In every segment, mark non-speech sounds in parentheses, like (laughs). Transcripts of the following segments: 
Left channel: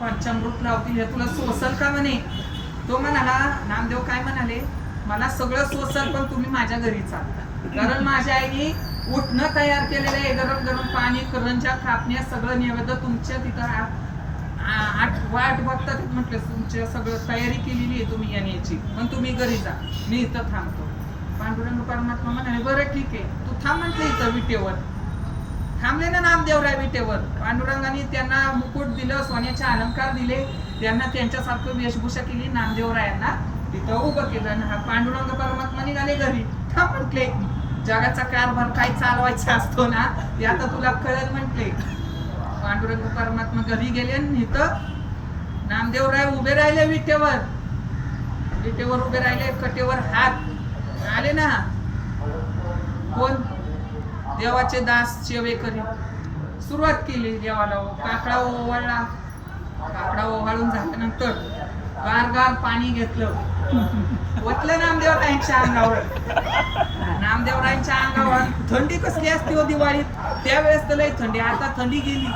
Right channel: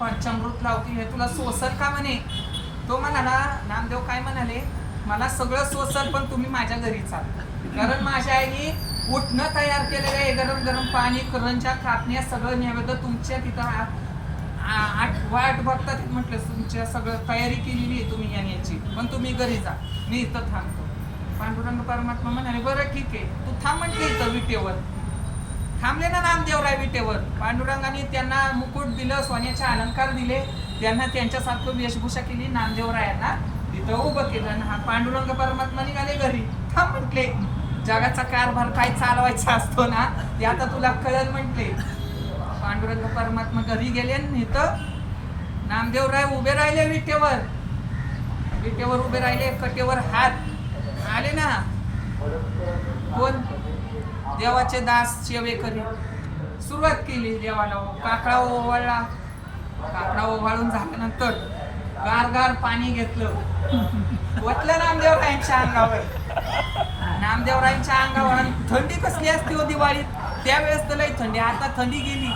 पंचामृत लावतील हे तुला सोसल का म्हणे? तो म्हणाला नामदेव काय म्हणाले? मला सगळं सोसल पण तुम्ही माझ्या घरी चाल कारण माझ्या आईने उठणं तयार केलेलं आहे. गरम गरम पाणी करंजा कापण्या सगळं नैवेद्य तुमच्या तिथं आ- आठवा आठ वाट बघता तिथं म्हटलं तुमच्या सगळं तयारी केलेली आहे तुम्ही येण्याची पण तुम्ही घरी जा. मी इथं थांबतो. पांडुरंग परमात्मा म्हणाले बरं ठीक आहे. तू थांब म्हटलं इथं विटेवर. थांबले ना नामदेवराय विटेवर. पांडुरंगाने त्यांना मुकुट दिलं सोन्याचे अलंकार दिले. त्यांना त्यांच्यासारखं वेशभूषा केली. नामदेवरायांना तिथं उभं केलं हा पांडुरंग परमात्मा निघाले घरी. थांब म्हटले जगाचा कारभार काय चालवायचा असतो ना ते आता तुला कळेल म्हटले. पांडुरंग परमात्मा घरी गेले इथं नामदेवराय उभे राहिले विटेवर. विटेवर उभे राहिले कटेवर हात. आले ना. देवाचे दास सेवेकरी सुरुवात केली देवाला काकडा ओवाळला. काकडा ओवाळून झाल्यानंतर गार गार पाणी घेतलं. वतलं नामदेवरायांच्या अंगावर. नामदेवरायांच्या अंगावर. थंडी कसली असते हो दिवाळीत? त्यावेळेस तर लई थंडी. आता थंडी गेली.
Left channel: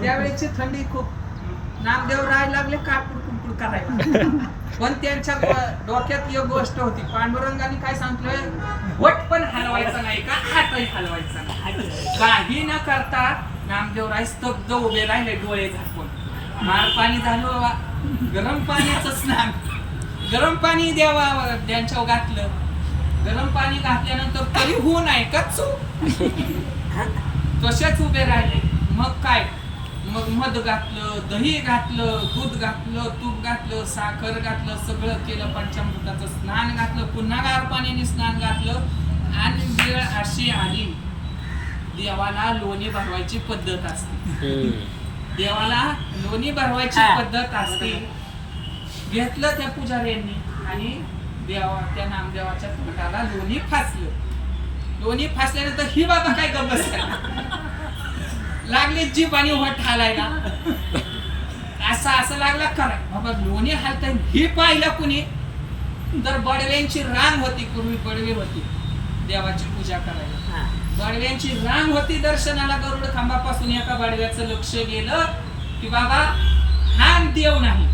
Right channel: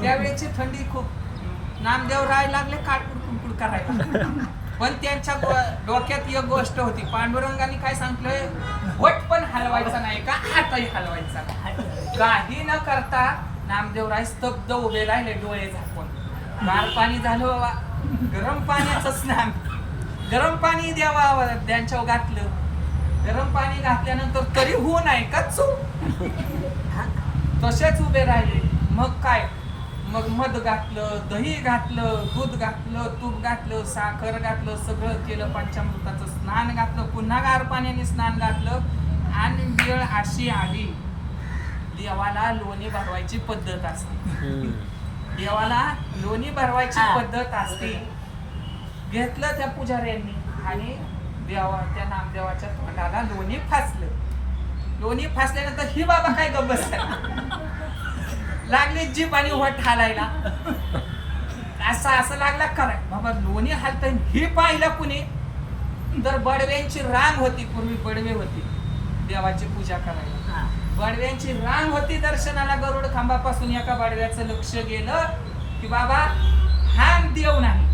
त्यावेळेसची थंडी खूप. नामदेव राय लागले काटकुड कुडकुड करायला. पण त्यांच्या डोक्यात एक गोष्ट होती. पांडुरंगाने काय सांगितलं वट पण हलवायचा नाही का? हातही हलवायचा नाही. काही न करता नामदेवराय स्तब्ध उभे राहिले डोळे झाकून. गार पाणी झालं बाबा. गरम पाण्याचं स्नान. गरम पाणी द्यावा त्यांच्या घातलं. गरम पाणी घातल्यानंतर तरी होऊ आहे का? चूक. तसेच उभे राहिले. मग काय? मग मध घातलं दही घातलं दूध घातलं तूप घातलं साखर घातलं सगळं केलं पंचामृताचं स्नान घातलं पुन्हा गार पाण्याने स्नान घातलं आणि वेळ अशी आली देवाला लोणी भरवायची पद्धत असते. देवाला लोणी भरवायची. पद्धत असते. घेतलं त्या पुजाऱ्यांनी आणि देवा त्या नामदेवाच्या तोंडाला लोणी फासलं. लोणी फासल्यानंतर ही बाबा काय गबस लागली जीप आणि वट हालायला असं असं लागला कराय बाबा लोणी हालत ही पाहिलं कुणी? तर बडव्यांची रांग होती पूर्वी बडवे होती. देवाची पूजा करायला. बडव्यांची रांग होती दर्शनाला गरुड खांबापासून एका बडव्याचं लक्ष गेलं की बाबा हा देव नाही.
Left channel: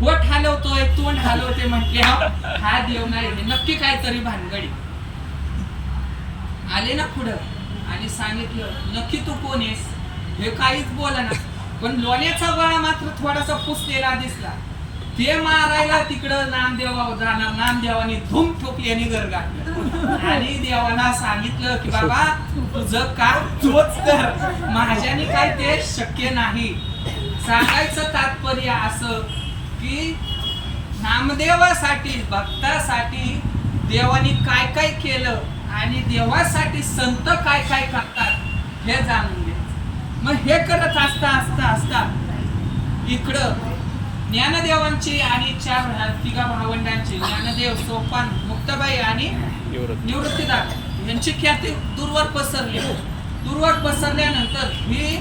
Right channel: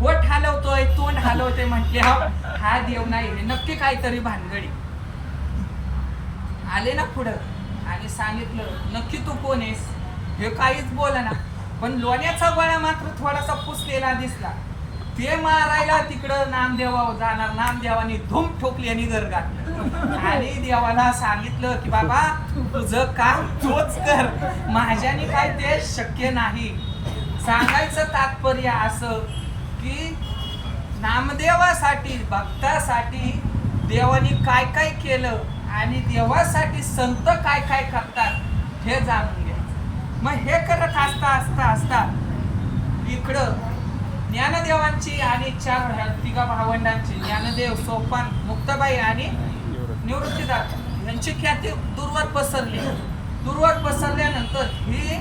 पोट हलवतोय तोंड हलवते म्हटले हा हा देव नाही नक्की काहीतरी भानगडी. आले ना पुढं. आणि सांगितलं नक्की तू कोण आहेस? हे काहीच बोला ना. पण लोण्याचा गळा मात्र थोडासा पुसलेला दिसला. ते मारायला तिकडं नामदेवा जाणार. नामदेवाने धूम ठोकली आणि घर घातलं आणि देवाला सांगितलं की बाबा तुझं काम तोच कर. माझ्याने काय ते शक्य नाही. सांगायचं तात्पर्य असं की नामदेवासाठी भक्तासाठी देवाने काय काय केलं? आणि देवासाठी संत काय काय करतात हे जाणून घ्यायचं. मग हे करत असता असता असता इकडं ज्ञानदेवांची आणि चार तिघा भावंडांची ज्ञानदेव सोपान मुक्ताबाई आणि निवृत्तीदार यांची ख्याती दूरवर पसरली. दूरवर पसरल्यानंतर ही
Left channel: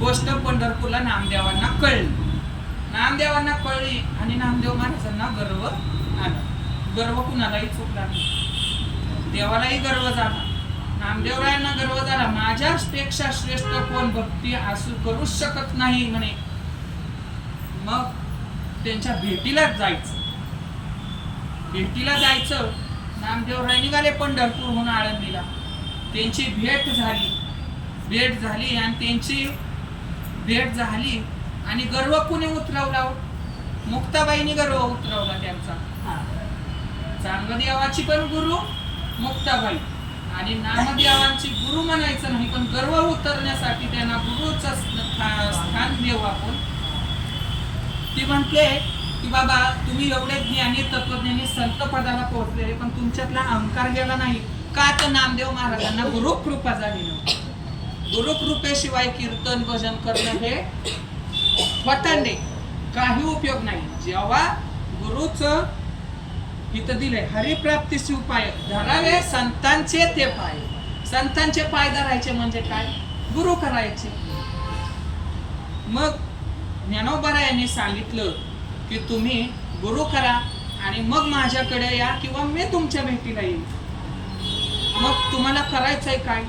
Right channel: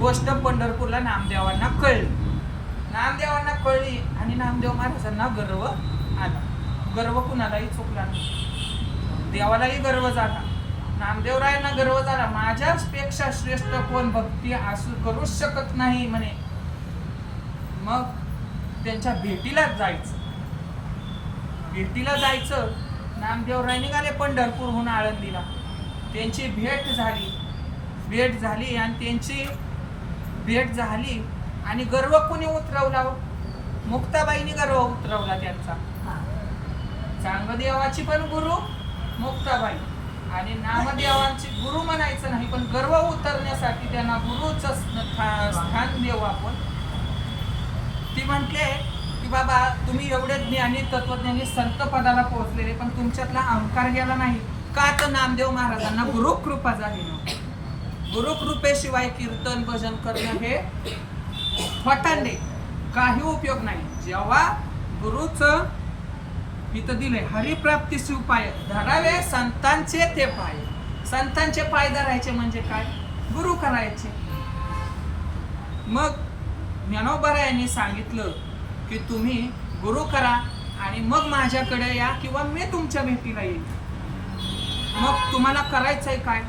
गोष्ट पंढरपूरला नामदेवांना कळली. नामदेवांना कळली आणि नामदेव महाराजांना गर्व आला. गर्व कुणालाही चुकला नाही. देवालाही गर्व झाला. नामदेवरायांना गर्व झाला. माझ्यापेक्षा श्रेष्ठ कोण भक्ती असू करू शकत नाही म्हणे. मग त्यांच्या भेटीलाच जायचं. भेटीला जायचं. नामदेवराय निघाले पंढरपूरहून आळंदीला. त्यांची भेट झाली. भेट झाली आणि त्यांची भेट झाली आणि गर्व कुणी उतरवला हो? मुक्ताबाईने गर्व उतरवला त्यांचा. चांगदेवाची पण गुरु मुक्ताबाई. आणि नामदेवांची गुरु म्हणायचं नाही पण गर्व उतरण्यासाठी त्यांना गुरुचं स्थान देऊ आपण. ती म्हटले की बाबा तुम्ही एवढे ज्ञानी तत्वज्ञानी संत पदाला पोहोचले पण तुमच्यातला अहंकार गेला नाही. का तर नामदेव महाराजांना गुरुकृपा झाली नव्हती. गुरुकृपेशिवाय कीर्तन भजन करणं हे फटांडे काही उपयोग नाही. जेव्हा गुरुचं इथं दिलंय हरिप्राप्तीचे उपाय धरावे संतांचे ते पाय. संतांचे पाय धरायचे म्हणजे काय? गुरु करायचे. मग ज्ञानोबरा यांनी सांगितलं की तुम्ही गुरु करा आणि मग माझ्याकडे या किंवा मी तुमच्या भेटीला येईल मग तुम्हाला करायचंय काय?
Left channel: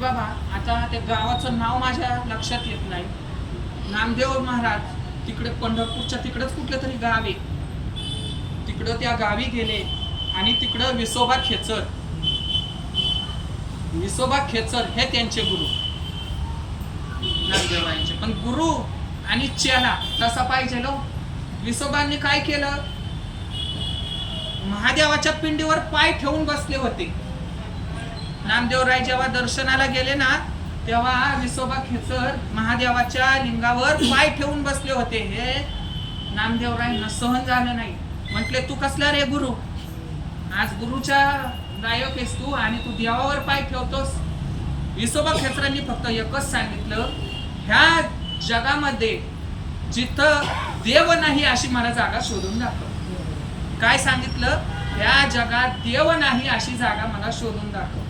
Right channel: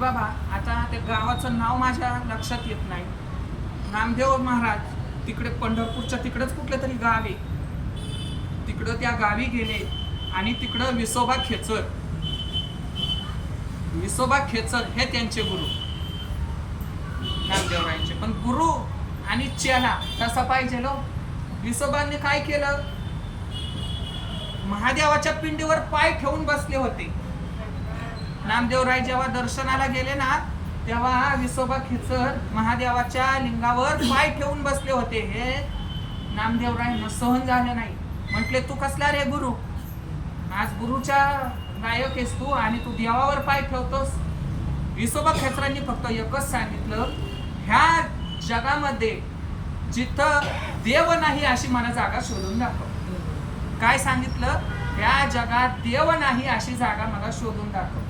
बाबा आता ते गावाचं नाव माझ्या लक्षात येत नाही. नामदेव महाराज तिकडे पंढरपूरच्या तिकडेच कुठलं तरी गाव आहे. तिकडं त्या गावी गेले आणि तिकडं विसोबा खेचर. विसोबा खेचर हे त्यांचे गुरु. नामदेवरायांचे पण गुरु आणि चेला कसा पाहिजे लो? विसोबांनी काय केलं? महादेवाच्या पिंडीवर पाय ठेवून बसले होते. नामदेवराय जेव्हा दर्शनाला गेले ना तेव्हा विसोबा खेचर महादेवाच्या लिंगावर पाय ठेवून बसले होते. हे नामदेवरायांना सहन झालं नाही. म्हटले तू कसला रे गुरु? आज गुरुच्या गायक आहेस तू आणि तू देवावर पाय ठेवतोस. विसोबा खेचरांनी फक्त एकच सांगितलं ह्या जगामध्ये जिथं देव नाही अशी मला जागा शोधून दाखव. काय सांगितलं? ह्या जगात देव नाही अशी जागा मला शोधून दाखव.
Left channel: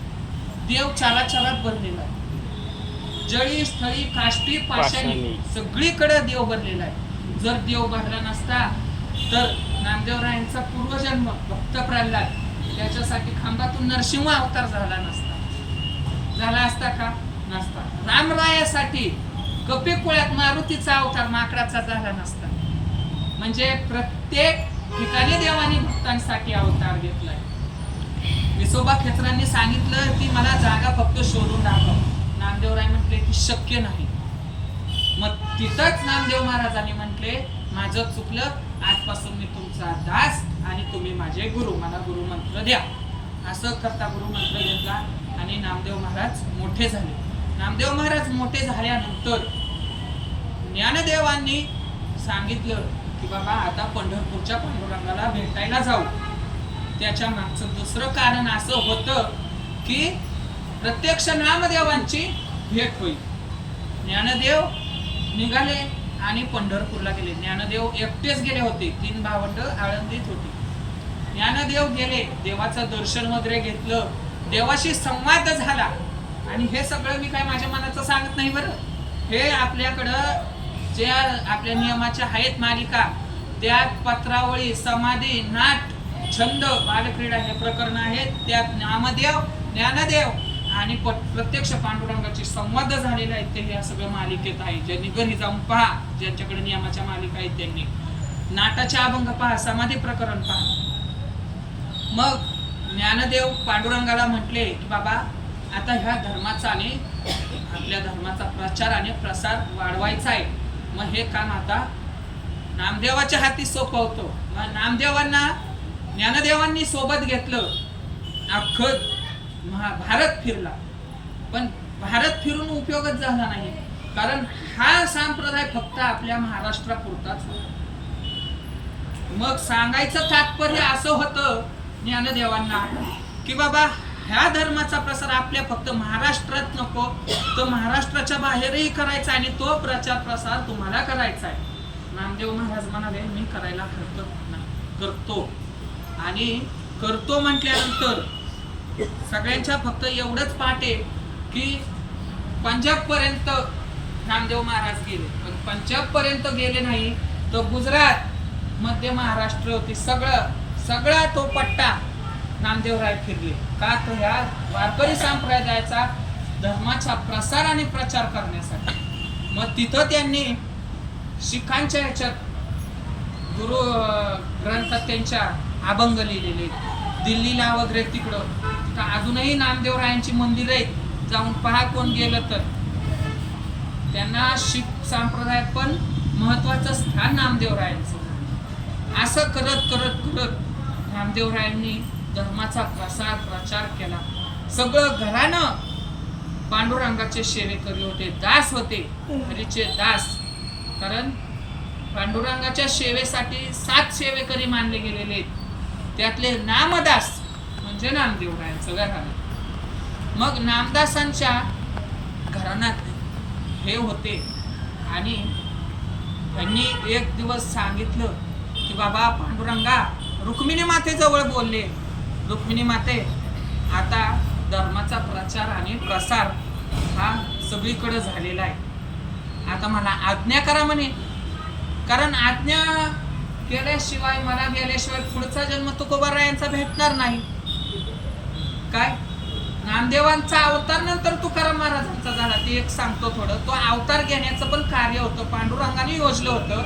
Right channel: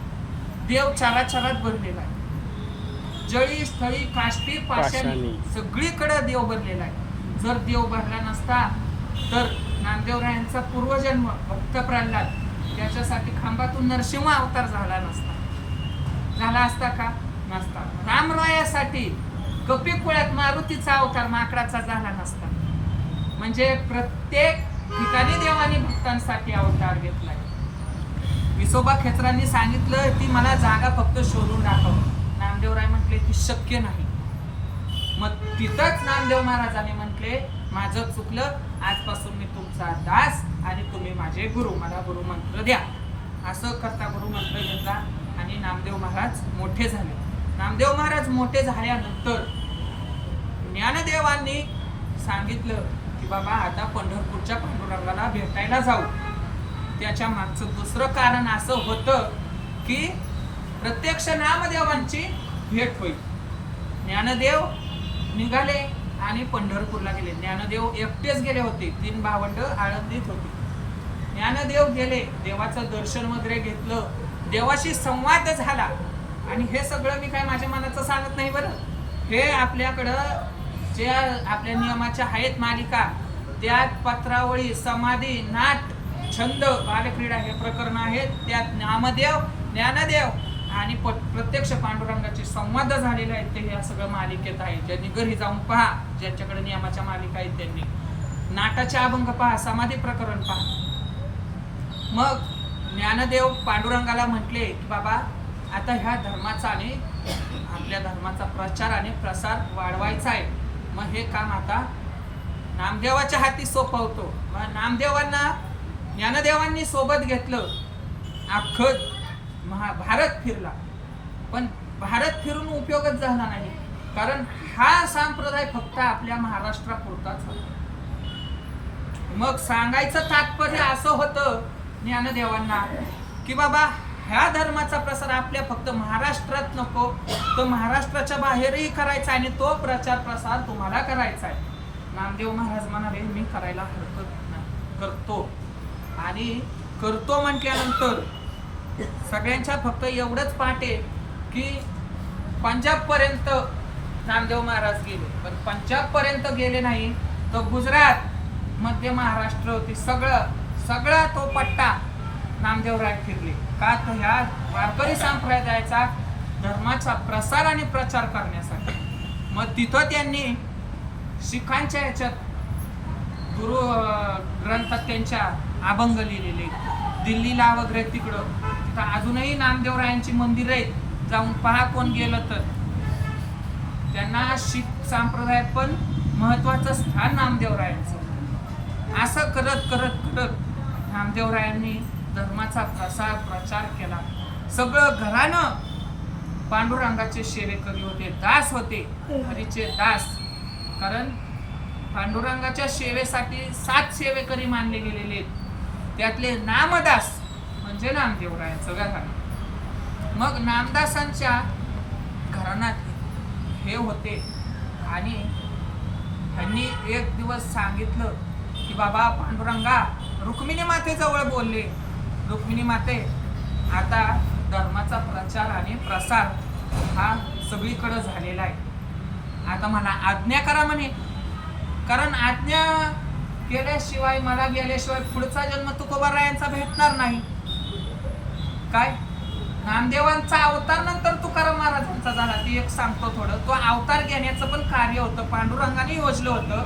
देव चारा चारात भरलेला आहे. जळी स्थळी काष्टी पाषाणी. सगळीकडे देव भरलेला आहे. जर देव भरला नसता तर नामदेवरायांचा पूर्वजन्म भक्त प्रल्हाद. त्याच्यासाठी खांबातून नरसिंह अवतार झाला नसता. झाला असता का? नसता. रामरायासाठी कपिकुळ्यात मारुतीचा अवतार माकडाचा झाला नसता. म्हणजे प्रत्येक ठिकाणी देवाने भक्तांसाठी अवतार घेतलाय. विसोबा खेचरांनी सांगितलं की मला जागा फक्त शोधून दाखव. नामदेवराय म्हटले की शक्य नाही. मग तिथंच नामदेव महाराजांनी म्हटले माझं चुकलं आजपासून मी तुमचा दास आणि तुम्ही माझे गुरु. मला गुरु मंत्र द्या. असं करता गुरु मंत्र घेतला आणि नामदेव महाराज मोठे झाले. नामदेव महाराज मोठे झाल्यानंतर ज्ञानदेवांनी सांगितलं की बाबा आता पंढरपूरच्या पांडुरंगाला भेटायला जाऊ. त्याच्या मागचं दुसरं कारण असं होतं की प्रत्यक्ष नामदेवांची भेट होईल. ज्ञानदेव निघाले. आणि पंढरपूरला गेले. ज्ञानदेव एकटेच गेले होते. तीन भावंड आळंदीत होते. ज्ञानदेव गेले. देवाचं दर्शन वगैरे घेतलं. देवाशी संवाद झाला. आणि हे सगळं मी काय माझ्या मनाचं सांगत नाही बरं. हे आपल्याकडं ज्या आपल्या नियमाच्या आहेत मालिका त्यात पत्रावळी समाधी नाट छंद बालक्रीडा हे प्रकरण आहेत. त्यात नामदेव ज्ञानदेव आणि प- प्रत्यक्ष पांडुरंगाचे संवाद झालेले आहेत ते ह्या सगळ्या मालिकेत आहे. ज्यांनी घरी जाऊन पहा ज्यांच्याकडे नियमाच्या मालिका आहेत त्यांनी. नाटाचे अभंग पहा समाधी प्रकरण पहा. मग ज्ञानदेव पांडुरंगाला म्हटले की बाबा आता ह्या धर्माचा आणि आपल्या धर्माचा प्रचार आणि प्रसार वाढवायचा आहे. मग हे काम आता नामदेवाच्या हाती सोपवतो. मग नामदेवांना ज्ञानदेवांनी सोबत घेतलं. अख्खं महा भारत फिरला. पण भारत फिरून उपयोगच झाला नाही. कारण हा संप्रदाय फक्त आपल्या महाराष्ट्रापुरताच होता. मग सांगायचं तात्पर्य असं होतं ज्ञानदेवांना की बाबा ह्या धर्माचा प्रसार आपल्या फक्त महाराष्ट्रात नको. तो महाराष्ट्राच्या बाहेरही करायचा आणि तो प्रचार प्रसार तुम्हाला करायचा आहे. नामदेव महाराज म्हणाले मी करायला हरकत नाही. करतो. आणि करतो म्हटल्यानंतर सगळ्यांच्या फक्त एवढंच पाठ आहे की पंजाब पर्यंत नामदेव महाराज गेले. पण पंजाब पर्यंत गेले नाही तर गुजरात मध्य महाराष्ट्र होती सगळं सगळा तो पट्टा नामदेवराय फिरले. का तर ह्या वारकरी संप्रदायाचा धर्माचा प्रसार आणि प्रचार करण्यासाठी. मग तिथं त्यांनी शिखांच्या ह्याच्यात गुरु ग्रंथात त्यांच्या अभंग लिहिलेले. दिल्लीला वगैरे तिकडं. तिथं अजूनही नामदेवरायांची मंदिर आहेत. जाऊन पहा कोण गेलं तर. त्यांना शीख संप्रदायात पण महत्वाचं स्थान नामदेवरायांचं. असं करत करत करत नामदेवरायांनी धर्माचा प्रसार प्रचार केला. सगळं घरानं पांडुरंगाचे सेवेकरी होते. दास होते. हरीचे दास. कारण पांडुरंगाच्या सेवेसाठी सात सेवेकरी मानले गेलेले आहेत. त्यातले नामदास म्हणजे नामदेवरायांचं घराणं मग नामदासांच्या घराण्यात हे होते. आणि त्यांनी एक दिवस सांगितलं की बाबा पांडुरंगा रुक्मिणी मातेजवळ बोलले. रुक्मिणी माते आता धर्माचा प्रचार आणि प्रसार हा सगळीकडे झालेला आहे. आता मला आज्ञा करा म्हणे. कारण आज्ञा केल्याशिवाय मला गेल्याशिवाय पुढचा जन्म तुकोबारायांचा भेटणार नाही. काय? नामदेवांचा अवतार नंतर तुकाराम महाराजांचा झाला ते एक सांगतो थोडं. तो अवतार घेण्याचं पण कार्य होतं पांडुरंगाने योजलं होतं.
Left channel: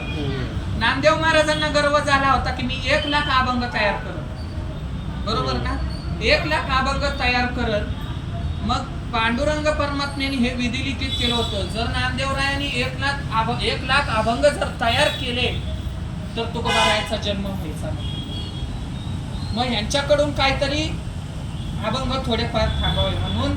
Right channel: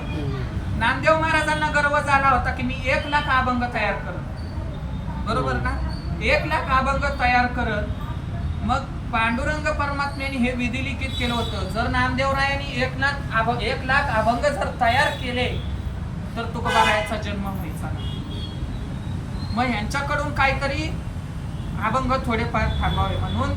नामदेव महाराजांना गर्व झाला होता की मी एक लाख अभंग तयार करत. बरोबर ना? एक लाख अभंग तयार करत. मग पांडुरंग परमात्म्याने हे विधिलिखित केलं होतं. जर नामदेवरायांनी एक लाख अभ- एक लाख अभंग जर तयार केले तर तुकोबारायाचा जन्म व्हायचा. मग ह्यांच्याकडून काहीतरी अभंग थोडेफार थांबावे. म्हणून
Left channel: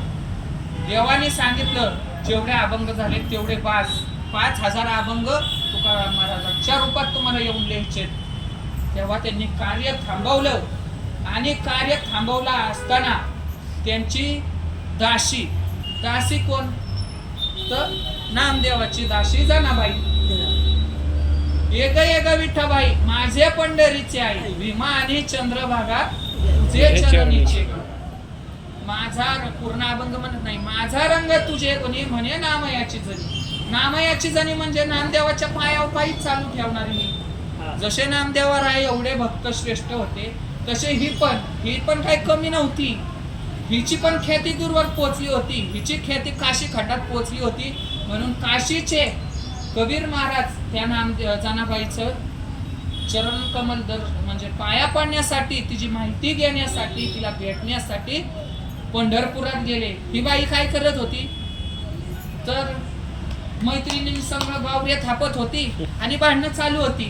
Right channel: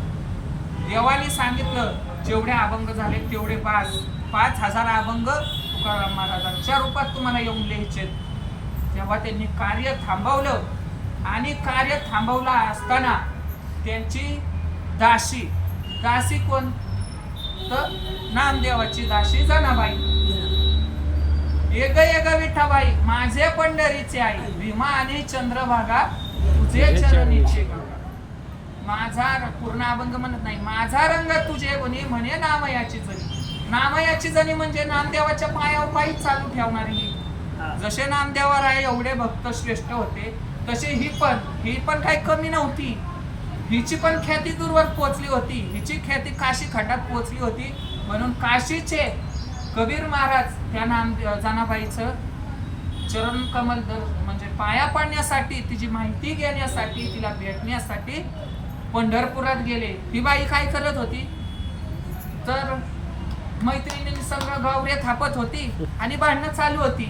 देवाने सांगितलं जेवढे अभंग झाले तेवढे पाच. पाच हजार अभंग तुकाराम महाराजांच्या रूपात तुम्हाला येऊन लिहायचे तेव्हा त्यांनी कार्य थांबवलं. आणि कार्य थांबवलं असताना त्यांची दाशी दासी कोण? तर नामदेवाची दाशी जनाबाई. एक एक विठाबाई माझे पंढरीचे आई भीमा आणि चंद्रभागा तुझे चरणीचे माझा पूर्ण अभंग म्हणत नाही. माझा रंग तुझे गुणी म्हणे नामयाची जणी. नामयाची जणी म्हणजे नामदेवाच्या पायावर पायी चालू ठेवणारी मी. जसे नामदेवा राय एवढे भक्त श्रेष्ठ होते तसे ही पण ही पण काही कमी नव्हती. हिची पण ख्याती दूरवर पोहोचली होती. हिची ख्याती काशी खंडात पोहोचली होती. म्हणून काशीचे कबीर महाराज त्या नाम जनाबाईचं चरण कमल दर म्हणजे पाया पडण्यासाठी तिची माहिती घेण्यासाठी तिला भेटण्यासाठी पंढरपुरात गेले. ही बाई काय करत होती? तर मैत्रिणी सगळं गावरे थापत होती आणि भांडणं चालू होती.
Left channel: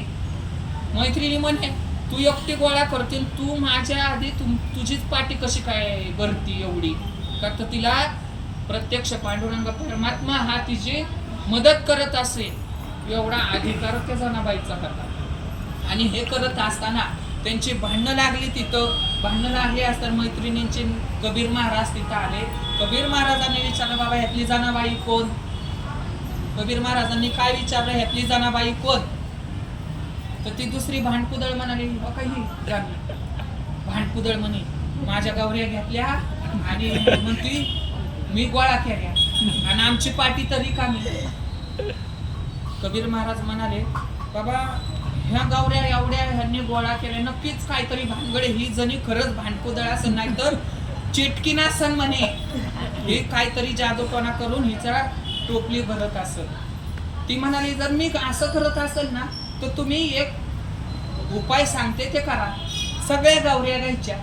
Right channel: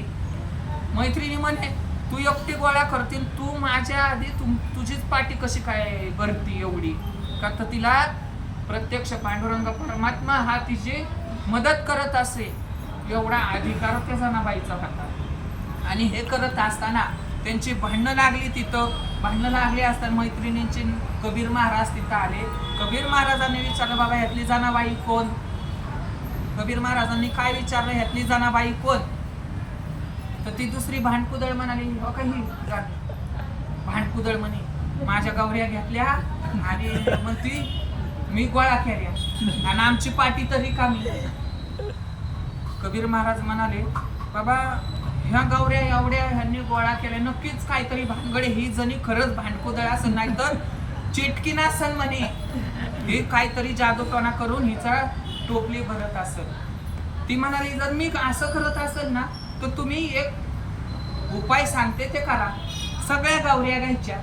मैत्रिणी म्हणे तू एकटी गोळा करतील. तू माझ्या आधी तुम तुझीच पाठी कशी काय भरती एवढी? का तर तिला प्रत्यक्ष पांडुरंग परमात्मा हा तिची मदत करत असे. एवढा अधिकार त्या जनाबाईचा होता आणि हे करत असताना त्यांची भांडणं लागली तिथं. भांडणं लागली असतात मैत्रिणींचे कबीर महाराज तिथं आले. कबीर महाराजांनी विचारलं बाबा ह्यातली जनाबाई कोण? कबीर महाराजांनी काय विचारलं ह्यातली जनाबाई कोण? तर ती दुसरी भांडकुदळ म्हणाली हो काही भांडकुदळ म्हणे माझ्या गावऱ्या घेतल्या आणि म्हणती मी गोळा केल्या आणि आमची पाठी तरी कामी. कबीर महाराज म्हणाले बाबा ह्या गावऱ्या एवढ्या ह्यांनी गोळा केल्या. नक्कीच काहीतरी भानगडे ही जणी खरंच भांडकुदळ असं नाही तर चिटकीना सन म्हणे. हे काहीतरी जादूटोना करून हिचा टोपली भरत असत ती म्हणाली जर मी असं करत असेल ना तर तुम्ही एक उपाय सांगते ते करा. सगळ्या गावऱ्या घ्यायच्या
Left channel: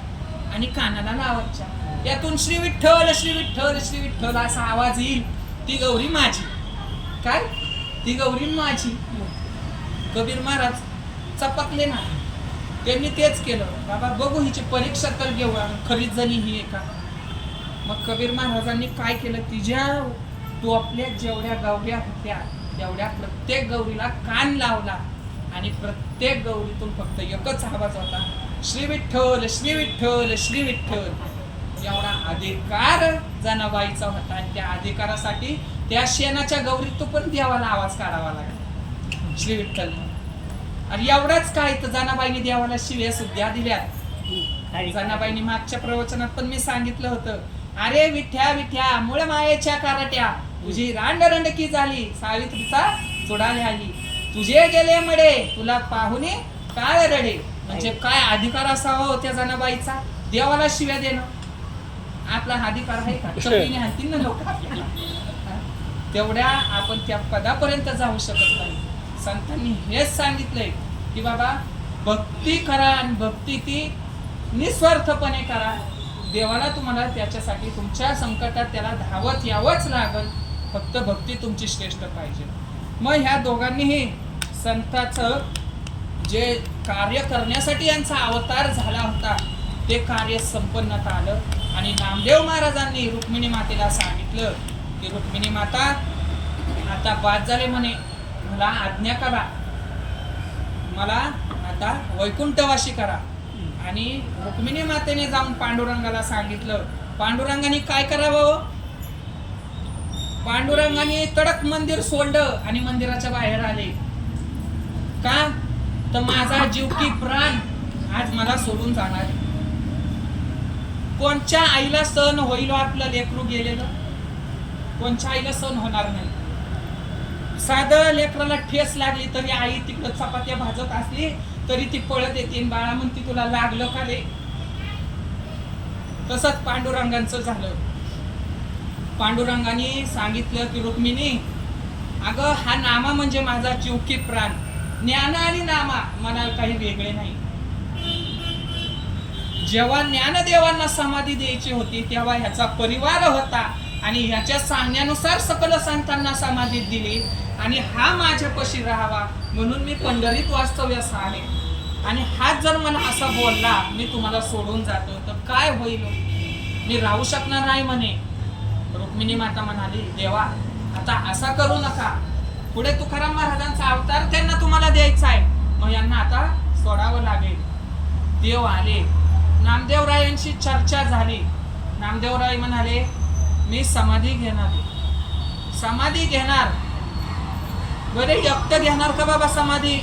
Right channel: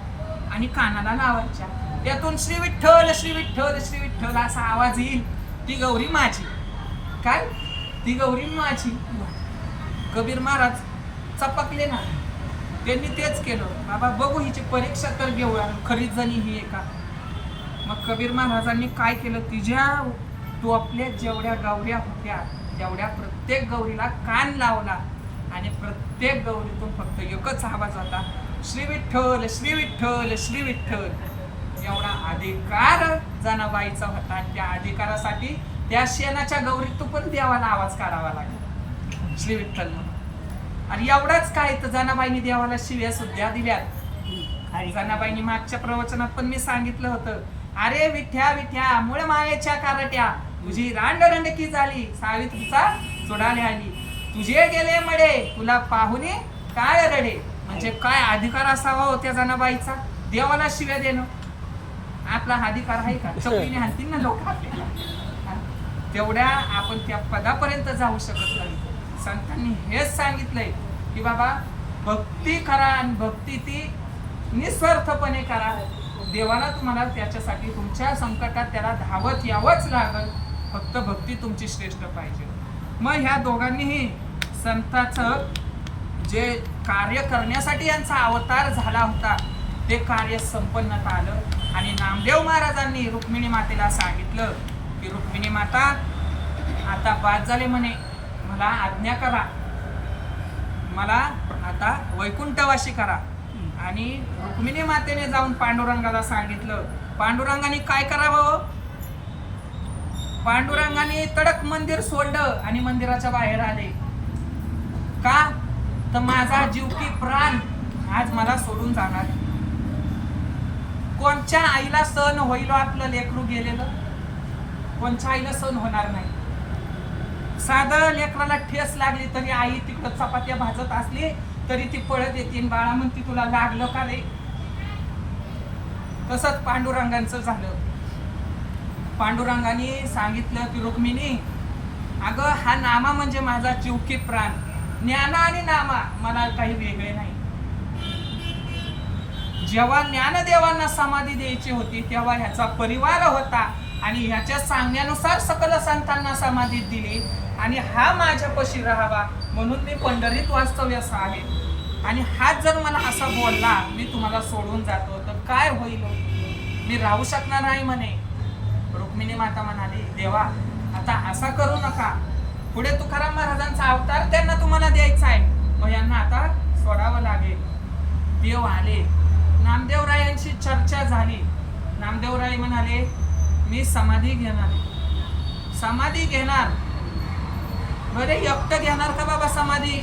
आणि कानाला लावायच्या. त्यातून श्री विठ्ठल श्री विठ्ठल श्री विठ्ठल असा आवाज येईल. ती गौरी माझी. काय? ती गौरी माझी. कबीर महाराज चपकले ना त्यांनी तेच केलं. बाबा बघू हिची परीक्षा तर घेऊ खरी जणी ही एका. मग कबीर महाराजांनी काय केलं? तिच्या आपल्या जेवढ्या गौऱ्या होत्या तेवढ्या प्रत्येक गौरीला कान लावला. आणि प्रत्येक गौरीतून फक्त एकच आवाज होता श्री विठ्ठल श्री विठ्ठल श्री विठ्ठल. एवढा अधिकार जनाबाईचा होता. आणि त्या अधिकारासाठी त्या शेणाच्या गौरीत पण देवाला आवाज काढावा लागला. श्री विठ्ठल आणि एवढाच काय तर जनाबाईने देवाला शिव्या सुद्धा दिल्या. जनाबाईंनी मागच्या प्रवचनात पण मी सांगितलं होतं अरे विठ्या विठ्या मुळे मायेच्या कारट्या तुझी रांडरंडकी झाली सावित्रीचा चुडाले आली तुझे गेले मडे तुला पाहुणे काय रडे? म्हणजे काय अधिकार असावा हो त्या जनाबाईचा? देवाला शिव्या देणं. आपला हा अधिकार आहे का? (laughs) चपलीने हाणतील ना लोक. तेवढ्या आपण त्या पदापर्यंत जाऊ शकत नाही. संतांनी हेच सांगितलंय की बाबा भक्ती करा आणि भक्ती ती निस्वार्थपणे करा. देवाला तुम्हाला त्याच्यासाठी तुमच्या संकटात त्याला धावत यावंच लागल. फक्त भक्ती तुमची श्रेष्ठ पाहिजे. मग ह्या दोघांनीही संताचं जे कार्य करण्यासाठी यांचा अवतार झाला होता ते कार्य संपन्नता आलं. आणि नामदेव महाराजांनी रुक्मिणी मातेला सांगितलं की रुक्मिणी माता आता बाद झाले म्हणे. मला आज्ञा करा. मला आता वैकुंठवाशी करा. आणि रुक्मिणी मातेने जाऊन पांडुरंगाला सांगितलं. पांडुरंगाने काय करावं हो? पांडुरंगाने तडक मंदिर सोडलं आणि मंदिराच्या बाहेर आले. का? तर माझा जीव की प्राण आज मला सोडून जाणार कोणच्या आईला सण होईल हो आपलं लेकरू गेलेलं? कोणच्या आईला सण होणार नाही? साधं लेकराला ठेस लागली तरी आई तिकडं चपात्या भाजत असली तरी ती पळत येते. बाळा म्हणती तुला लागलं का रे? तसंच पांडुरंगांचं झालं. पांडुरंगाने सांगितलं की रुक्मिणी अगं हा नामा म्हणजे माझा जीव की प्राण. ज्ञान आणि नामा मला काही वेगळे नाही. जेव्हा ज्ञानदेवांना समाधी द्यायची होती तेव्हा ह्याचा परिवार होता आणि ह्याच्या सांगण्यानुसार सकल संतांना समाधी दिली. आणि हा माझ्यापाशी राहावा म्हणून मी पंढरीत वास्तव्यास आहे आणि हाच जर मला असं बोलला मी तुम्हाला सोडून जातो. तर काय होईल हो? मी राहू शकणार नाही म्हणे. रुक्मिणी माता म्हणाली देवा आता असा करू नका. पुढे तुकाराम महाराजांचा अवतार त्यांना तुम्हाला द्यायचा आहे. मग यांना आता सोडावं लागेल. देव आले. नामदेवरायांशी चर्चा झाली. नामदेवराय म्हणाले मी समाधी घेणार समाधी घेणार. बरे एकटं घेणार का बाबा समाधी?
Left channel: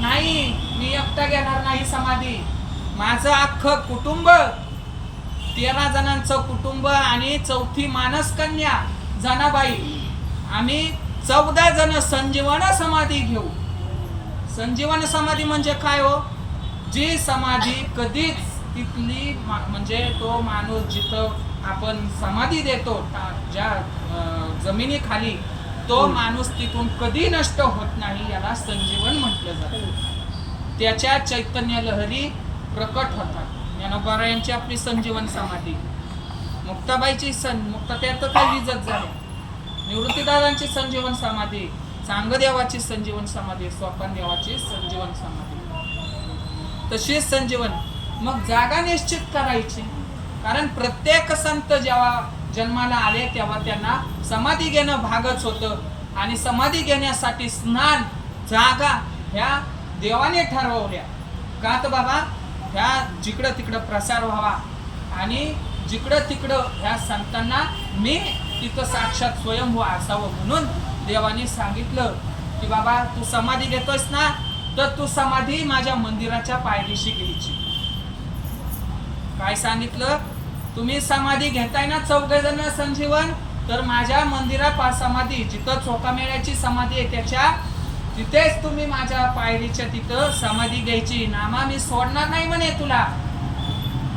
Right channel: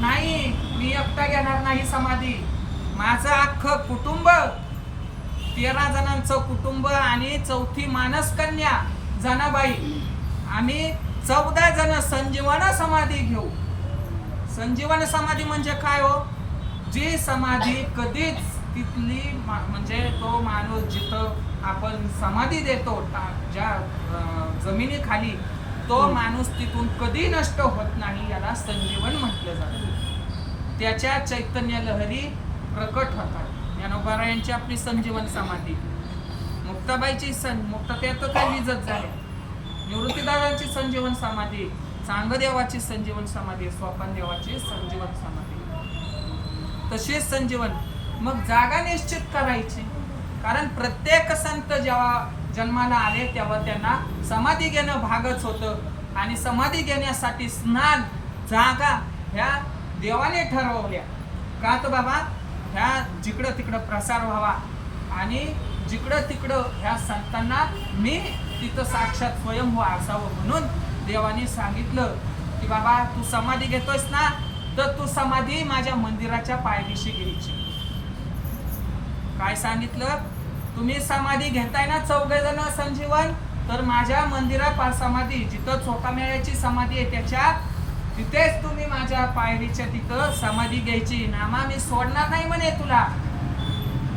नाही मी एकटा घेणार नाही समाधी. माझं अख्खं कुटुंब तेरा जणांचं कुटुंब आणि चौथी मानस कन्या जनाबाई. आम्ही चौदा जण संजीवन समाधी घेऊ. संजीवन समाधी म्हणजे काय हो? जी समाधी कधीच तिथली मा- म्हणजे तो माणूस जिथं आपण समाधी देतो ज्या जमिनीखाली तो माणूस तिथून कधी नष्ट होत नाही याला संजीवन म्हटलं जातं. त्याच्या चैतन्य लहरी प्रकट होतात. ज्ञानोबा यांची आपली संजीवन समाधी. मुक्ताबाईची सं मुक्ताबाई तर काही विजत झाली. निवृत्तीदारांची संजीवन समाधी चांगदेवाची संजीवन समाधी स्वपनदेवाची देवाची संजीवन समाधी. तशीच संजीवन मग जागा निश्चित करायची. कारण प्रत्येक संत जेव्हा जन्माला आले तेव्हा त्यांना समाधी घेणं भागच होतं. आणि समाधी घेण्यासाठी स्नान जागा ह्या देवाने ठरवल्या. का तर बाबा ह्या जिकडं तिकडं प्रसार व्हावा. आणि जिकडं तिकडं ह्या संतांना मी तिथं साक्षात स्वयंभू हो असावं म्हणून देवाने सांगितलं की बाबा तू समाधी घेतोयस ना तर तू समाधी माझ्या मंदिराच्या पायरीशी घ्यायची. काय सांगितलं? तुम्ही समाधी घेताय ना चौघे जण संजीवन तर माझ्या मंदिरापास समाधी जिथं चोकामेळ्याची समाधी आहे त्याच्या तिथेच तुम्ही माझ्या पायरीच्या तिथं समाधी घ्यायची. नामा मी सोडणार नाही म्हणे तुला.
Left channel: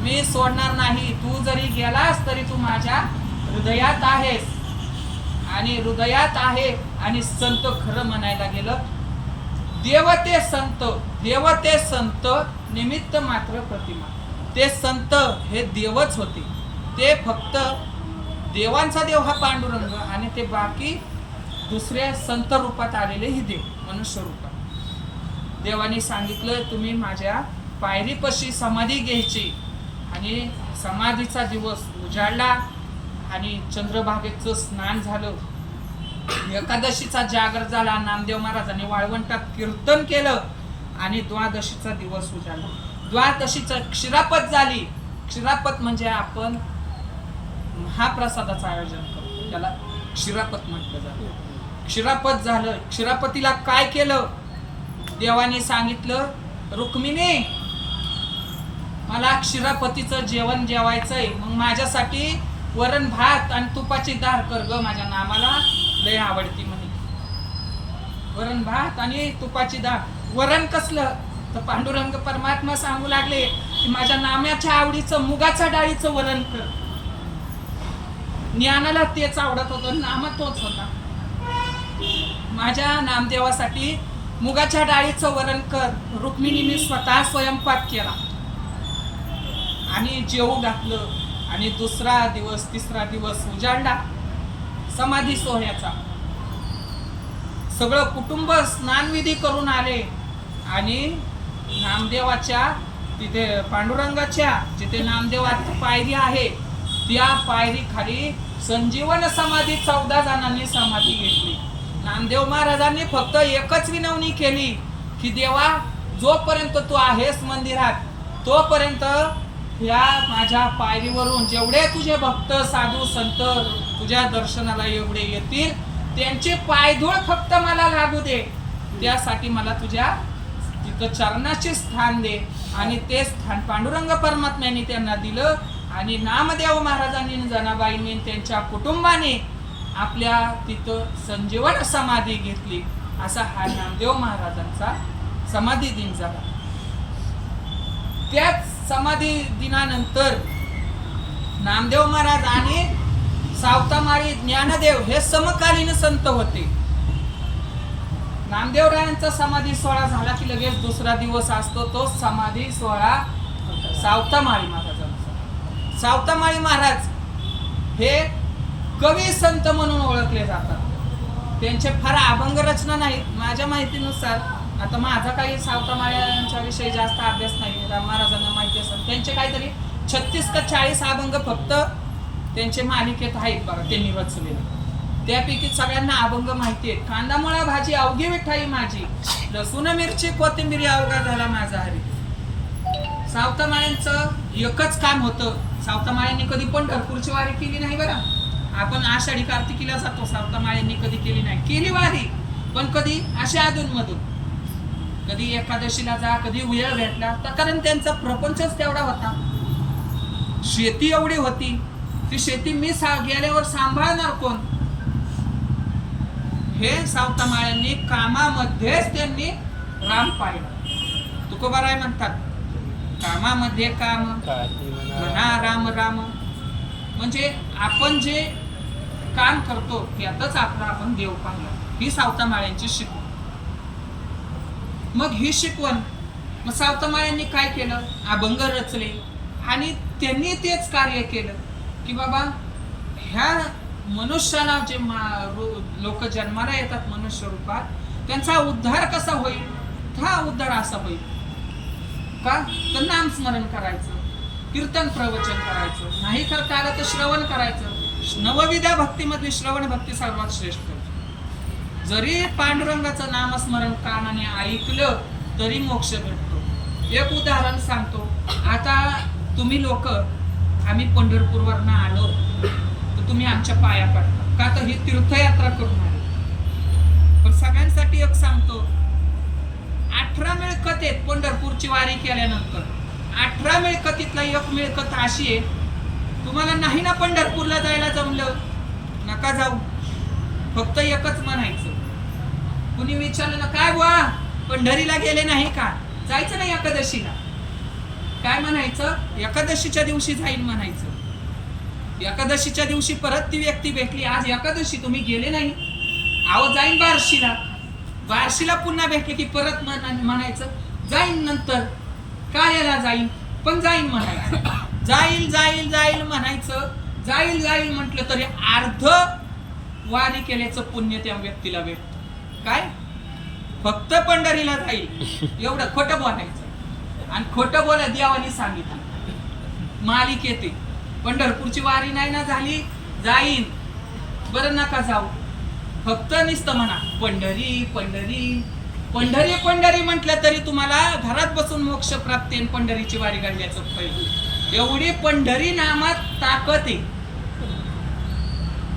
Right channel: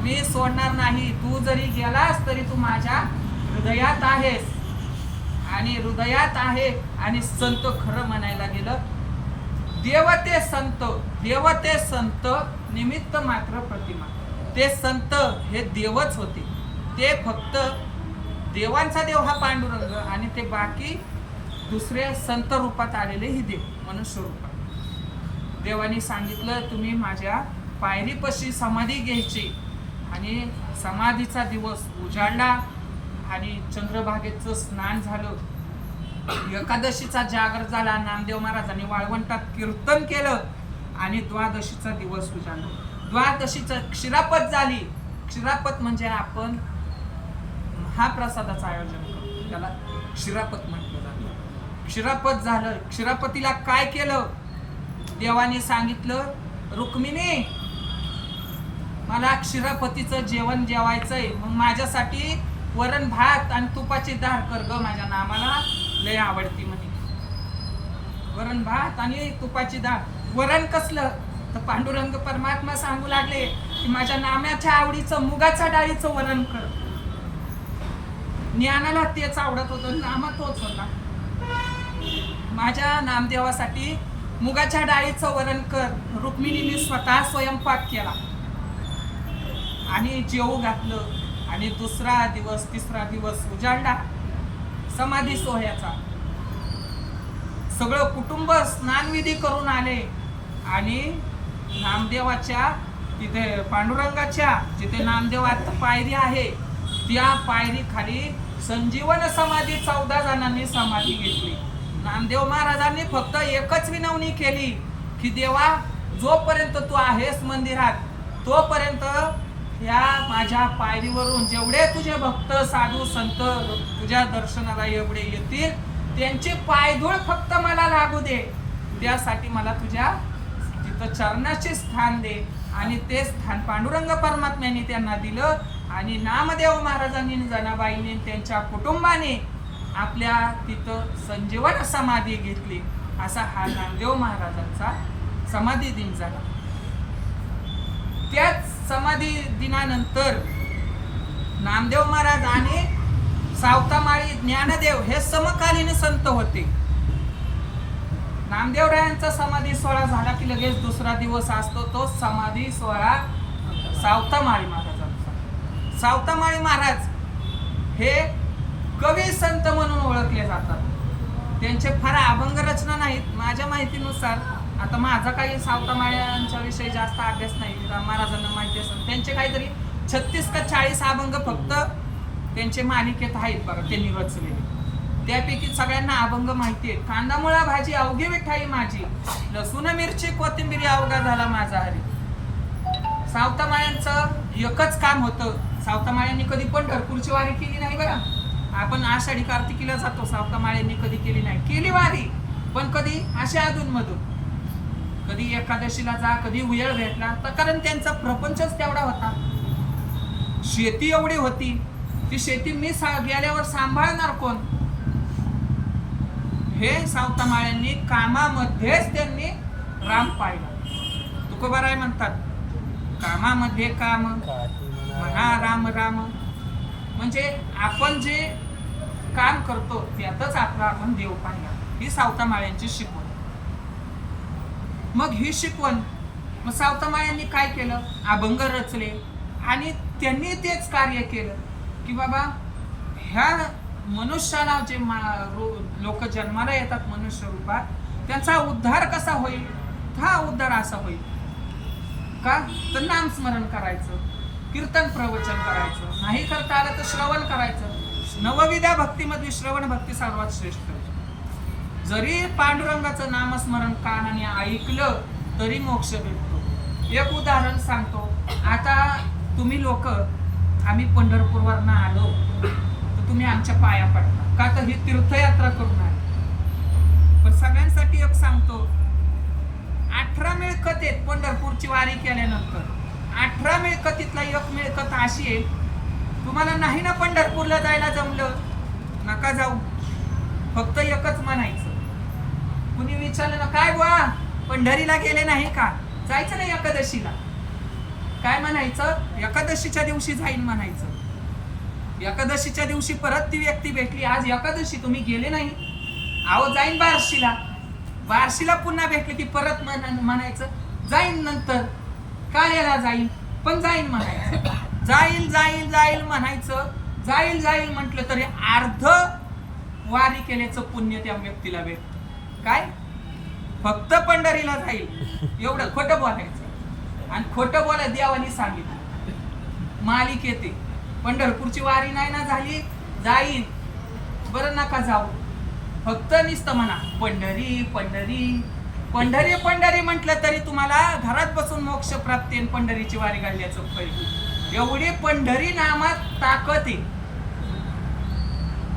मी सोडणार नाही. तू जरी गेलास तरी तू माझ्या हृदयात आहेस. आणि हृदयात आहे आणि संत खरं म्हणायला गेलं देवते संत देवते संत निमित्त मात्र प्रतिमा. ते संत हे देवच होते. ते फक्त देवांचा देव हा पांडुरंग आणि ते बाकी दुसरे संत रूपात आलेले ही देव मनुष्य रूपात. देवाने सांगितलं तुम्ही माझ्या पायरीपाशी समाधी घ्यायची आणि समाधीचा दिवस उजाडला आणि चंद्रभागेचं स्नान झालं. एकादशीचा जागर झाला नामदेव महाराजांनी वाळवंटात कीर्तन केलं आणि द्वादशीचा दिवस उजाडला. द्वादशीचा क्षीरापत झाली. क्षीरापत म्हणजे आपण महाप्रसादाचं आयोजन करतो. त्याला क्षीरापत म्हटलं जातं. क्षीरापत झालं. क्षीरापतीला काय केलं? देवाने सांगितलं रुक्मिणी मला क्षीरापतीचं जेवण जेवायचंय. मग माझ्यासाठी वरण भात आणि तुपाची दार कर ग. माझ्या नामाला लय आवडती म्हणे. वरण भात आणि तुपाची दाळ. वरण कसलं? तर पांडुरंग परमात्मा सांगू लागले की माझ्या नाम्याच्या आवडीचं मुगाच्या डाळीचं वरण कर. ज्ञानाला तेच आवडत होतं नामा तोच होता. माझ्या नामदेवासाठी मुगाच्या डाळीचं वरण कर. रुक्मिणीने स्वतः स्वयंपाक केला. आणि जेवू घातलं आणि दुसरा दिवस तिसरा दिवस उजाडला. समाधी सोहळ्याचा. सगळं कुटुंब स्नानविधी करून आले आणि नामदेवाच्या तिथे पांडुरंगाच्या जिथे नामदेवाची पायरी आहे त्या पायरी खाली संजीवन समाधी चौदा जणांनी समाधी घेतली. नामदेव महाराजांनी फक्त एकच विनवणी केली की देवा जोपर्यंत तू आहेस मंदिरात तोपर्यंत या माझ्या पायरीवरून जेवढे तुझे भक्त साधू संत तुझ्या दर्शनाला एवढे येतील त्यांचे पायधूळ फक्त मला लागू दे. त्यासाठी मला तुझ्या तिथं चरणाचे स्थान दे आणि ते स्थान पांडुरंग परमात्म्याने त्यांना दिलं आणि नामदेव महाराजांनी जनाबाईंनी त्यांच्या कुटुंबाने आपल्या तिथं संजीवन समाधी घेतली. असा हा नामदेव महाराजांचा समाधी दिन झाला. त्याच समाधी दिनानंतर नामदेव महाराज आणि सावतामारी ज्ञानदेव हे समकालीन संत होते. नामदेवरायांचा समाधी सोहळा झाला की लगेच दुसरा दिवस असतो तो समाधी सोहळा सावतामाळी महाराजांचा. सावतामाळी महाराज हे कवी संत म्हणून ओळखले जातात. त्यांचे फार अभंग रचना नाहीत. माझ्या माहितीनुसार आता माझा काही सावतामाळ्यांच्या विषयी जास्त अभ्यास नाही राम महाराजांना माहिती असतात त्यांचे काहीतरी छत्तीस का चाळीस अभंग फक्त त्यांचे मालिकेत आहेत बघा त्यांनी रचलेले. त्यापैकी सगळ्यांना अभंग माहितीये कांदा मुळा भाजी अवघी विठाई माझी. लसूण मिरची कोथिंबिरी अवघा झाला माझा हरी. सावतामाळ्यांचं एकच काम होतं. सावतामाळ्यांनी कधी पण ढरपूरची वारी केली नाही बरं. आपण आषाढी कार्तिकीला जातो. सावतामाळ्यांनी कधी केली नाही. केली वारी पण कधी अशी अधून मधून कधी एकादशीला जा कधी उयळ भेटला तर कारण त्यांचा प्रपंचच तेवढा होता. शेती एवढी होती. ती शेती मी सा गेल्यावर सांभाळणार कोण? हे सावतामाळ्यांनी कामामध्येच त्यांनी राम पाहिलं. तुकोबाराय म्हणतात कामामध्ये काम म्हणा राम राम. म्हणजे आपण जे काम करतो त्यातच आपला आपण देव पाहिला. ही सावतामाळ्यांची शिकवण. मग ही शिकवण मग सावतामाळ्यांनी काय केलं? अभंग रचले आणि त्यांनी तेच कार्य केलं. की बाबा ह्या मनुष्याला जे लोक जन्माला येतात मनुष्य रूपात त्यांचा उद्धार कसा होईल? हा उद्धार असा होईल. का? तर नामस्मरण करायचं कीर्तन प्रवचन करायचं नाही करता आलं तर श्रवण करायचं. नवविद्या भक्तीमधली श्रवण भक्ती सर्वात श्रेष्ठ. जरी पांडुरंगाचं नामस्मरण कानाने ऐकलं तरी मोक्ष भेटतो. एक उदाहरण सांगतो. आता तुम्ही लोक आम्ही पंढरपूरवरनं आलो. तर तुम्ही आमच्या पाया पडता. का तर ही तीर्थयात्रा करून आली. पण सगळ्यांसाठी एक सांगतो अठरा मिळकत आहेत पंढरपूरची वारी केल्यानंतर अठरा मिळकतीतला एक मिळकत अशी आहे तुम्हाला नाही ना पंढरपूरला जायला जमलं नका जाऊ. फक्त एकच म्हणायचं. कुणी विचारलं ना काय बुवा पंढरीला गेले नाही का? जायचं नाही एकादशीला? काय म्हणायचं? एकादशीच्या दिवशी जाईन म्हणायचं. एकादशीच्या दिवशी परत ती व्यक्ती भेटली. आज एकादशी तुम्ही गेले नाही. अहो जाईन बारशीला. बारशीला पुन्हा भेटले की परत म्हणायचं जाईन नंतर. काय याला जाईन? पण जाईन म्हणायचं. जाईल जाईल जाईल म्हणायचं. जाईल जाईल म्हटलं तरी अर्ध वारी केल्याचं पुण्य त्या व्यक्तीला भेट काय? फक्त पंढरीला जाईल. एवढं खोटं बोलायचं. आणि खोटं बोला देवानी सांगितलं. मालिक येते. पंढरपूरची वारी नाही ना झाली जाईन. बरं नका जाऊ. फक्त निस्त म्हणा पंढरी पंढरी. पंढरी पंढरी म्हटलं तरी तुम्हाला घरात बसून मोक्ष प्राप्ती आणि पंढरीची वारी काढल्याचं पहिली एवढी पंढरी नामात ताकद आहे.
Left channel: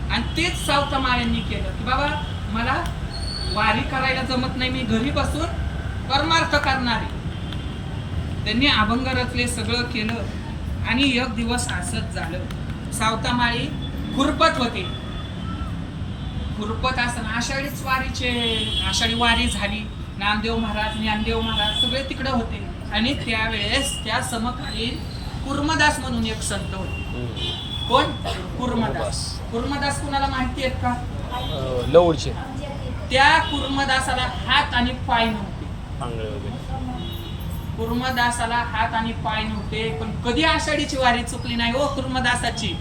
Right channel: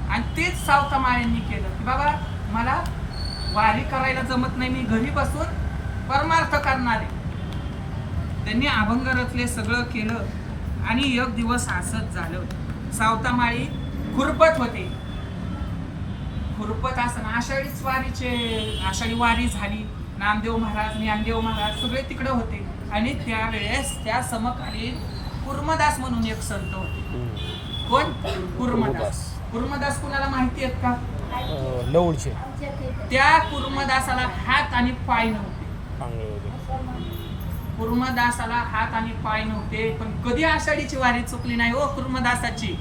आणि तेच सावतमाळ्यांनी केलं की बाबा मला वारी करायला जमत नाही मी घरी बसून परमार्थ करणार. आहे त्यांनी अभंग रचले सगळं केलं. आणि एक दिवस असंच झालं. सावतामाळी खुरपत होते. खुरपत असताना आषाढीच वारीचे आषाढी वारी झाली. नामदेव महाराज ज्ञानदेव महाराज सगळे तिकडे होते. आणि त्यावेळेस त्या समकालीन कुर्मदास म्हणून एक संत होते. कोण? कुर्मदास. कुर्मदास कुणाला माहिती आहेत का? लवडचे त्या कुर्मदासाला हात आणि पाय नव्हते. कुर्मदासाला हात आणि पाय नव्हते पण कधी आषाढीची वारी चुकली नाही हो कुर्मदासाची.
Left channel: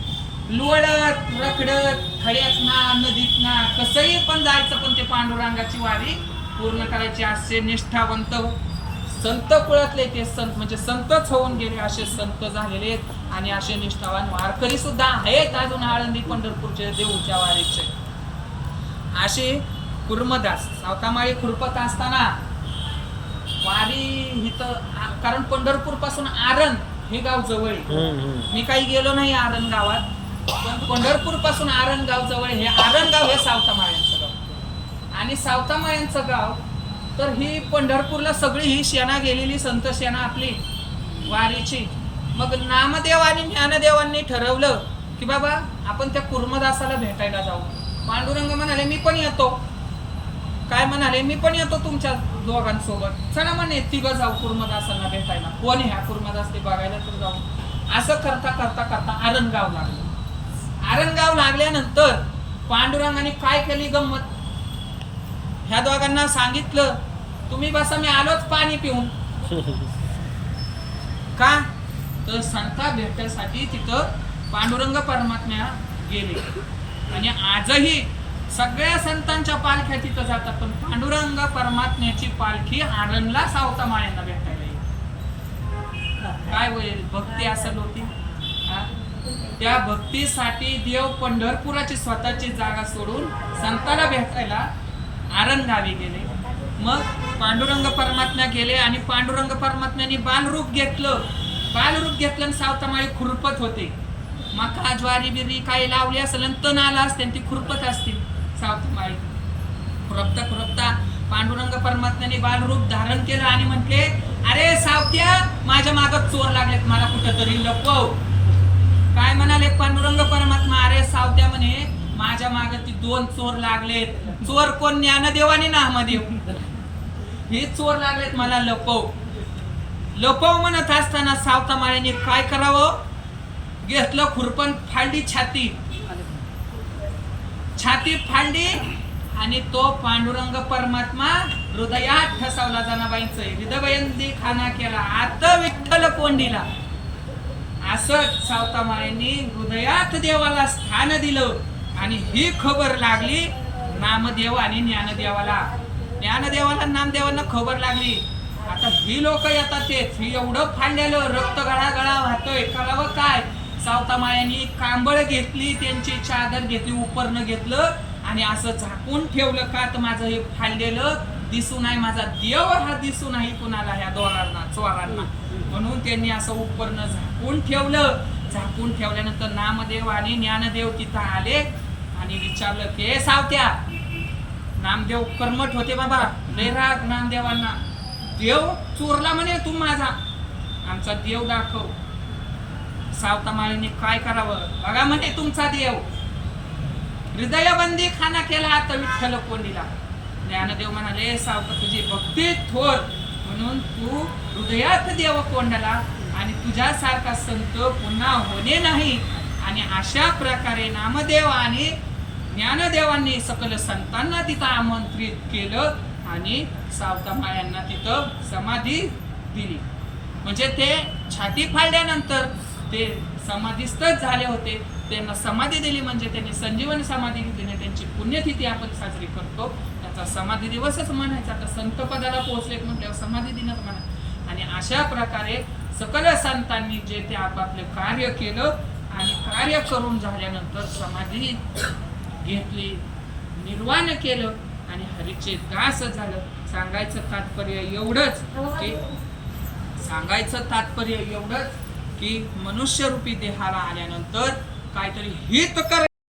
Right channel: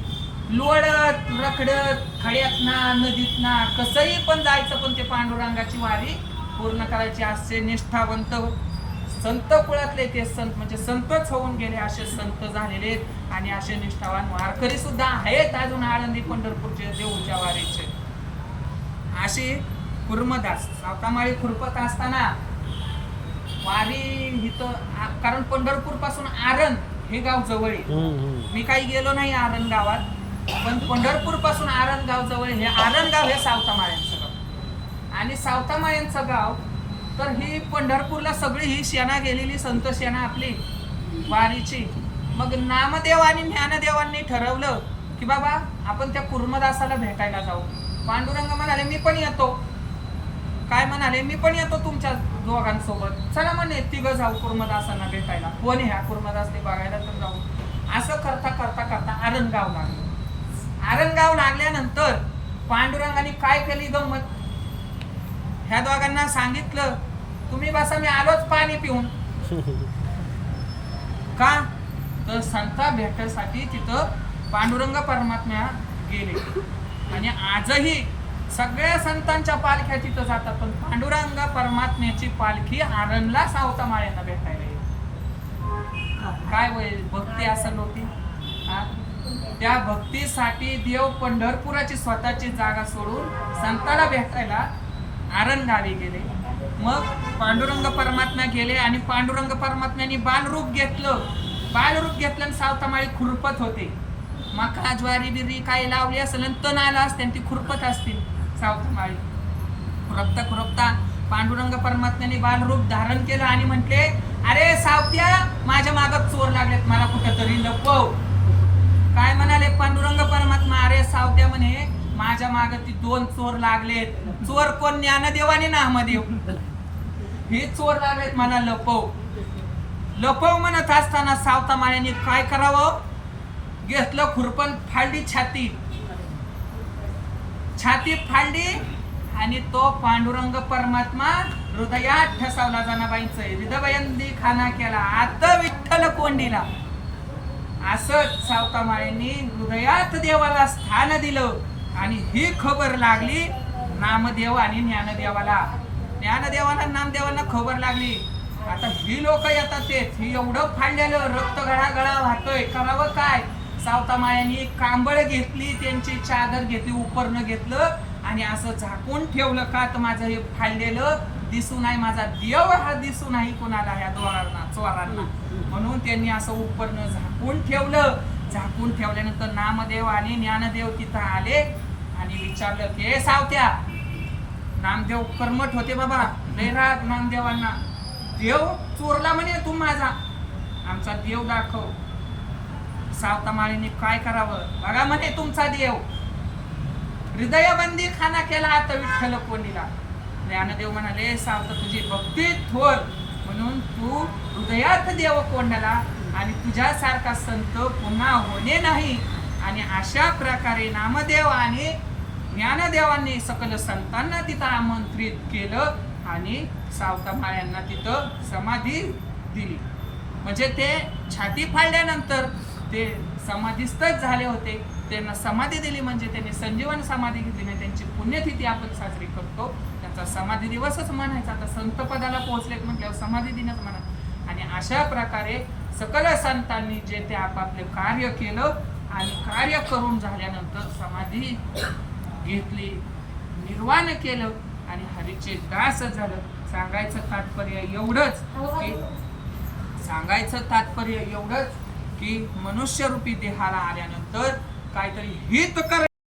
लोळत रखडत खड्यात ना नदीत ना कसंही पण जायचं पण ते पांडुरंगाची वारी पूर्ण करायची असे निष्ठावंत. संत कुळातले ते संत म्हणजे संतच होऊन गेले असे संत झालेले आणि असे निष्ठावान वारकरी सुद्धा आहेत अजून आळंदी पंढरपूरचे देऊच्या वारीचे. असे कुर्मदास सावतामाळी खुरपत असताना वारी इथं कारण पंढरपूरपासून आरण हे गाव जवळ आहे. मी काही गेलो नाही आरण गावात पण पंढरपूरपासून आरण गाव जवळ. हे आरण गाव हे सावतामाळ्यांचं गाव. आणि सावतामाळ्यांचं गाव तर ही पंढरपूरला सगळी ही शेणा गेलेली संत शेणा आपली वारीची. मग नामदेव आणि ज्ञानदेवांनी ठरवलं की बाबा आपण त्या कुर्मदासाला भेटायला जाऊ. पांडुरंग म्हणाले मी पण येतो. काय म्हणाले मी पण येतो तुमच्या दोघांसोबत. चला म्हणे तिघं जाऊ कुर्मदासांना भेटायला. कोण आहे हा कुर्मदास? ते बघायला तर जाऊ. असं करता करता करता आरण गाव लागलं. आरणगाव लागल्यानंतर पांडुरंगाने काय केली गंमत? ह्या दोघांना सांगितलं तुम्ही बसा मी आलोच पाणी पिऊन. (laughs) का? तर संता भेटायसाठी तिथं पांडुरंग परमात्म्या गेले. आणि आजही सगळ्या संतांच्या पालख्या तिथं जातात पण पांडुरंग परमात्म्याची पालखी आरणला सावता माळ्यांना भेटायला येते. काय वय भक्ती असल होती? त्या भक्तीसाठी देव पंढरपुराची स्वतःची जागा सोडून संताला भेटायला आरण गावी गेले. मग पांडुरंग परमात्मा गेले आणि पांडुरंग परमात्म्याने बालरूप घेतलं. बालरूप घेतलं आणि सावतामाळी खुरपत होते. मका ज्वारी बिरी काही लावली असेल तण आला असते आणि ती खुरपत असतील सावतामाळी खुरपता खुरपता. पांडुरंग परमात्म्याने बालरूप धारण केलं आणि म्हटले अरे सावत्या माझ्या मागत चोर लागलेत मला कुठेतरी लपव. काय म्हणाले पांडुरंग परमात्मा? अरे सावत्या म्हणे माझ्या माग ती दोन चोर लागलेत. चोर कोण? ज्ञानदेव आणि नामदेव हे चोर लागलेत मला लपव. लपव म्हणत असताना सावता माळ्याने काय करावं? घेतलं खुरपण फाडली छाती. छाती फांडी आणि तो पांडुरंग परमात्मा हृदयात ठसावला जनाबाईंच. हृदयंदी खाना केला. आता विठ्ठल कोंडीला. असं सावतामाळ्यांनी हृदयात देवाला स्थान दिलं आणि ही खबर लागली नामदेव आणि ज्ञानदेवाला. ज्ञानदेवाला नामदेवांना खबर लागली. आता ही लोक येतात तेच. ही एवढं फाडलेलं रक्त गळा गळा वाहतोय. करावं काय? सावतामाळ्यांनी कांबळ घेतली त्यांची चादर घेतली उपरणं घेतलं आणि असं झाकून ठेवलं का तर माझं हे फाडलेलं दिसू नाही माझा देव हा दिसू नाही कोणाला ह्या दोरांना चोरांना. म्हणून त्यांनी असं उपरणं झाकून ठेवलं. झाकून ठेवल्यानंतर नामदेव आणि ज्ञानदेव तिथं आले आणि विचारलं ते सावत्या नामदेव कर्मठ होते बाबा लय राग नामदेवांना. देव चोरला म्हणे तू माझा. आमचा देव दाखव. सावतामाळीने काय करावं? बघा म्हणे तुमचा देव. हृदयबंदी खाना केला आता विठ्ठल कोणीला ज्ञानदेव म्हणाले सावता तुझी भक्ती थोर. म्हणून तू हृदयात देव कोंडला आणि तुझ्यासारखा संत पुन्हा होणे नाही. आणि अशा प्रकारे नामदेव आणि ज्ञानदेवांनी सकल संतांना तिथं आमंत्रित केलं आणि सावतामाळ्यांना तिथं समाधी दिली. म्हणजे ते छाती फाडल्यानंतर ते समाधीस्थच झाले होते. त्यांना समाधी दिली म्हणजे त्यांनी संजीवन समाधी घेतली त्यांची पुण्यतिथी आपण साजरी करतो. त्याचा समाधी दिवसच म्हणायचा. आता संत पदाला पोहोचले म्हणजे समाधी दिनच म्हणा आणि अशा प्रकारे सकल संतांनी जे ते आपापले कार्य केलं आणि कार्य करून झाल्यानंतर समाधी घेतली निर्वाण केलं आणि हरीचे दास झालं. सांगायचं तात्पर्य एवढंच की सांगायचं तात्पर्य एवढंच की मनुष्यरूपी देहाला आल्यानंतर काहीतरी हित कर